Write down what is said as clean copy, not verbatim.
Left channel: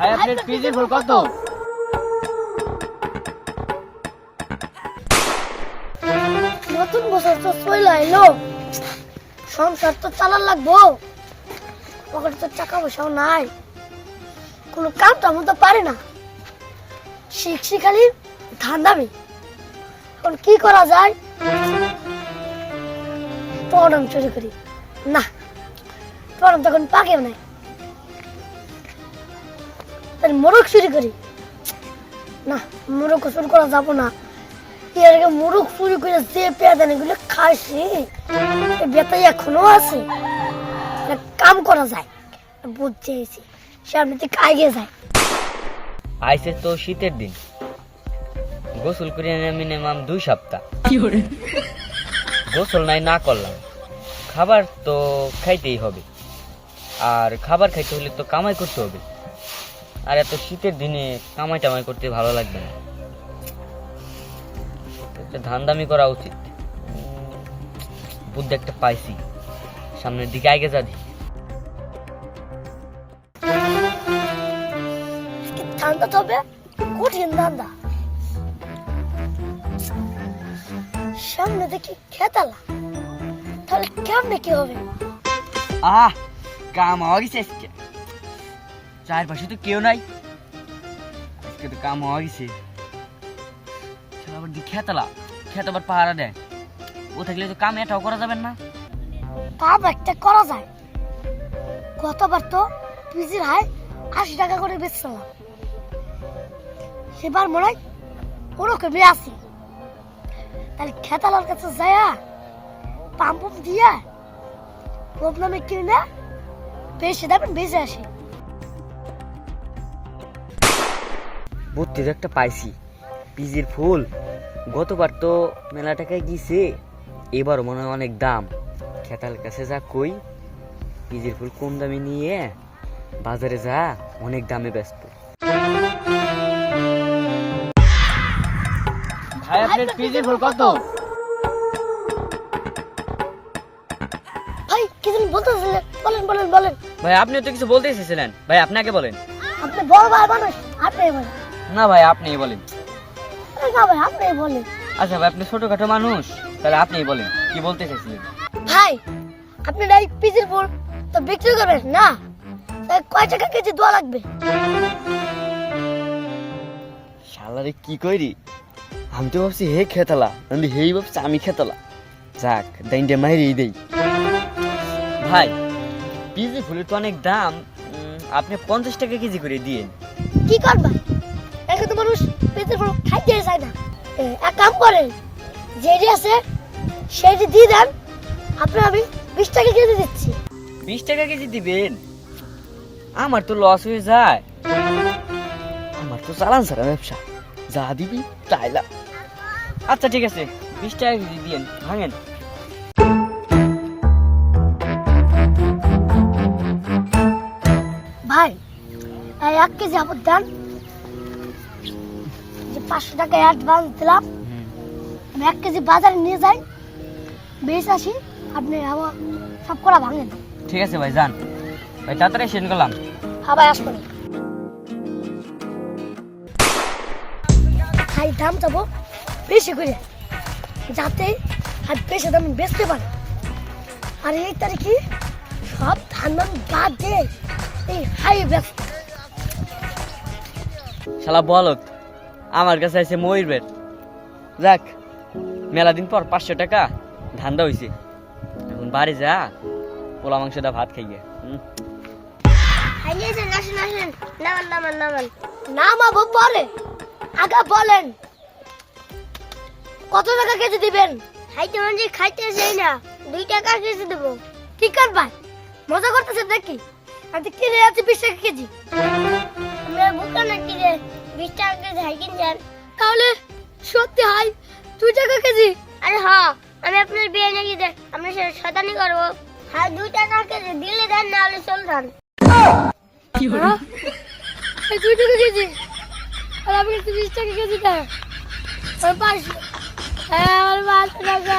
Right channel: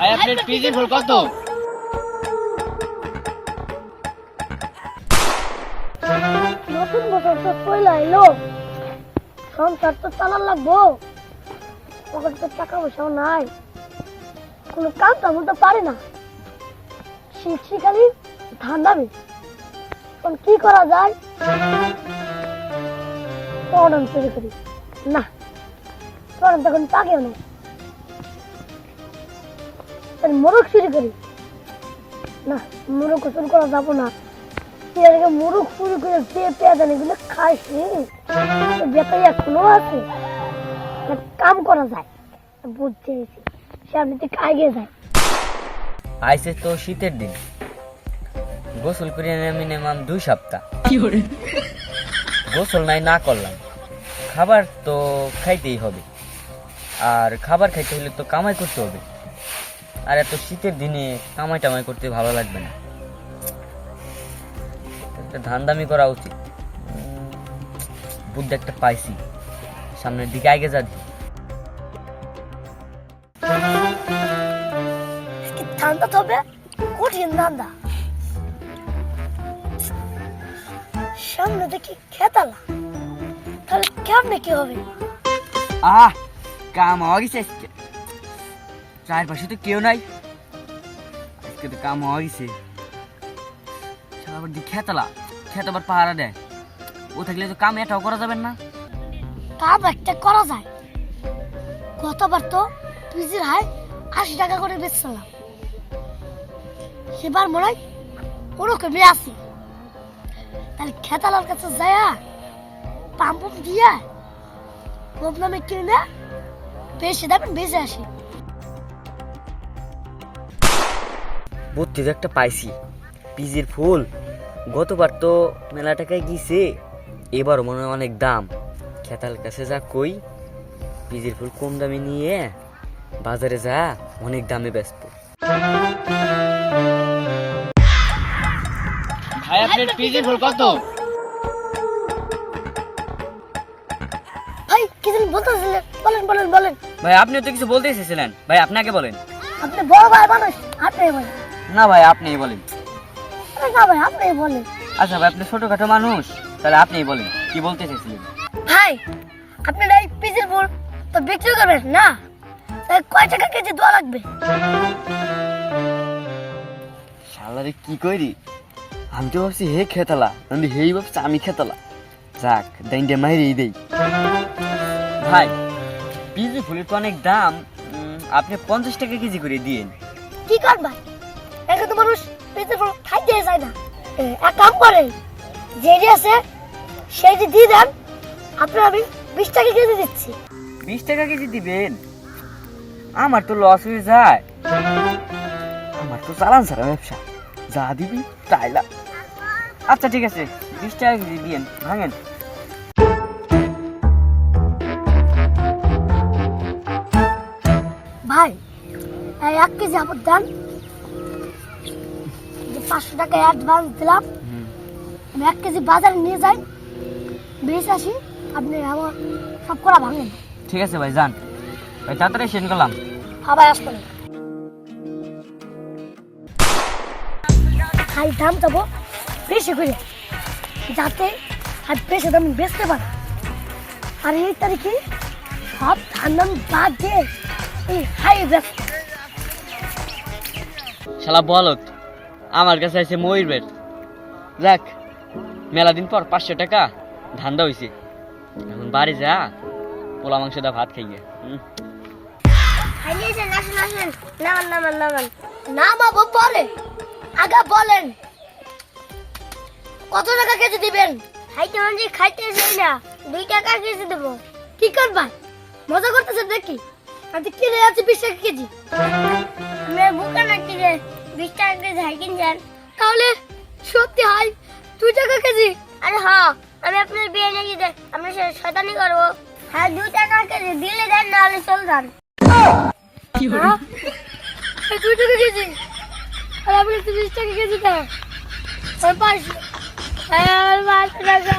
ভাই আপনার পিজির ফুল কত? নতুন বছর তো চলে এলো, সংসার তো চালান লাগবো, পকেটে তো টাকা পয়সাও নাই, কোনো কাম টাম তো পারে না, শিখছি খালি ধান্দামি। এখন কি করা যায়? পড়ান চুরি করি না, পড়ান তখন পাকেও নাই, মোরগ চুরি করি না, মোরগ চুরি করা যাবো না। এর আগে মোরগ চুরি করে যে পেয়াদান এগুলো খাইছি, বেতাই এখনো আছে। এক কাম করা যায়, বুঝছি সামনে থেকে আগে যায়। আইসে তো শীতের দিন, গোসল করে মিনিমাম 2 সপ্তাহ গোসল নাই না করলাম, খাবার তো খাইতেই হবে, আর খাবার খাইতে হলে তো কামাই করতে হবে, আর এত শীতের দিনে কামাই টামাই করতে ভালো লাগবে না, একটা ধান্দামি করা উচিত। বুদ্ধি একটা পাইছি, সামনের দিকে আগে যা দি। ধান্দা তবে কঠিন ধান্দা, সামনে দেখি খেতালা, তাহলে কেমনে কি হবে? কাম হওয়া গেছে আজকে, চারপাশে তো কেউ নাই, আজকে তো কাম হওয়া গেছে। আবার খেতলা, খেত আবার পাহারা দেয়, ও থাকলে তো কাম এটাও করা যাবে না। কাম একটা করা যায়, গতবার তো পিজির হাই 80 টাকা করে বেচছিলাম, সেবার মনে হয় ওরকমই আছি। তাহলে খেতালার কাছে যায় পাম্প দিয়ে প্রবলেমে কিনে বেশি দামে বেঁচে আসি। বুদ্ধি একটা পাইছি, পিজির ফুল গতবার তো মেলা টাকায় গিয়েছে, এবারও মনে হয় অনেক দাম। খেতাল কাছে যা কই পিজির ফুল কম দামে নিয়ে বাজারে যা অনেক দামে বেচবো। ভাই আপনার পিজির ফুল কত? ভাই কি জানি বলতেছিলেন, বলেন বলেন বলেন। ভাই আপনি তো কিছু বলতে এসেছিলেন, ভাই আপনাকে বলেন। আপনি বড় ভাই মানুষ, আপনি বলেন। না ভাই আপনিই বলেন। না ভাই আপনি বলেন। আচ্ছা ভাই আপনি ছোটখাটো মানুষ, তাহলে আপনিই বলেন কি বলতে চাইছিলেন। ভাই আপনি এই পিজির ফুল তো বিক্রি করবেন না, তাই কয় টাকা কেজি দেওয়া লাগবে? শালারে কি করি, আমি তো ভাবছি হে খেতালা, আমি হেই ভাবছি আমি খেতালা, যাক দাইনটা মাইরেই দেই। ভাই পিজি ফুলের তো অনেক দাম, আপনি 50 টাকা কেজি করে দিয়েন। কি করবা, এখন তো মানুষ পিজির ফুল খাইতে চায় না। এক কাম করেন, যেটি আছে সেটি দিয়ে দেন, আপনার আমি 20 টাকা কেজি দিচ্ছি। 20 টাকা কেজি দিবেন? আমার তো লস হয়ে যায়, আমার তো চালান ছাড়া ব্যবসা, যা দিবি তাইলা। আচ্ছা ঠিক আছে 20 টাকা কেজি দিয়েন, ভাঙেন। ভাই এই 1 কেজি আপদ দেন, যে 500 টাকা অ্যাডভান্স দিলাম, আমি 1 কেজি বাজারে নিয়ে যাই, বেশি আসি, আপনি আমার সব করা ভাঙেন। ঠিক আছে ভাই যান, ভাই তাড়াতাড়ি সেন্ড করলাম। হ্যাঁ ভাই আসবেন। খাই দাম যাবো বেশি করে, যাতে হাত বেশি দাম বেচতে পারে। আর এই তারিখে সব ঠান্ডা বাদ দিয়ে এই হাই ব্যস্ত। শালা বলত আমার কাছে আছে ময়ূর বেট, যাক মেলা দিন পর 500 টাকা ধান্দা হইছে, এখন বাড়ি যা পোলা মাংস দা ভাত খাইয়ে। নামাবো পরে, আগে বলেন কত টাকা কেজি দিবেন? খাইতে মানে খাইতে চাই না, 2 টাকা কেজি দেবো। কি করবা, মজা করতেছেন নাকি? আমি কিনে আছি 20 টাকা কেজি। আমি বুকা না কিনে 20 টাকা কেজি হাই কিনছেন, তাহলে সত্যি হাই 2 টাকা কেজি? আরে হ্যাঁ, আমি আপনার বিয়ে নিয়ে দেয় আপনার সাথে শয়তানি করবো। হ্যাঁ 2 টাকা কেজি দিলে দেন, না হলে চল যান। কি হলো 2 টাকা কেজি, আর আপনি 20 টাকা কেজি দেন। আর 5 টাকা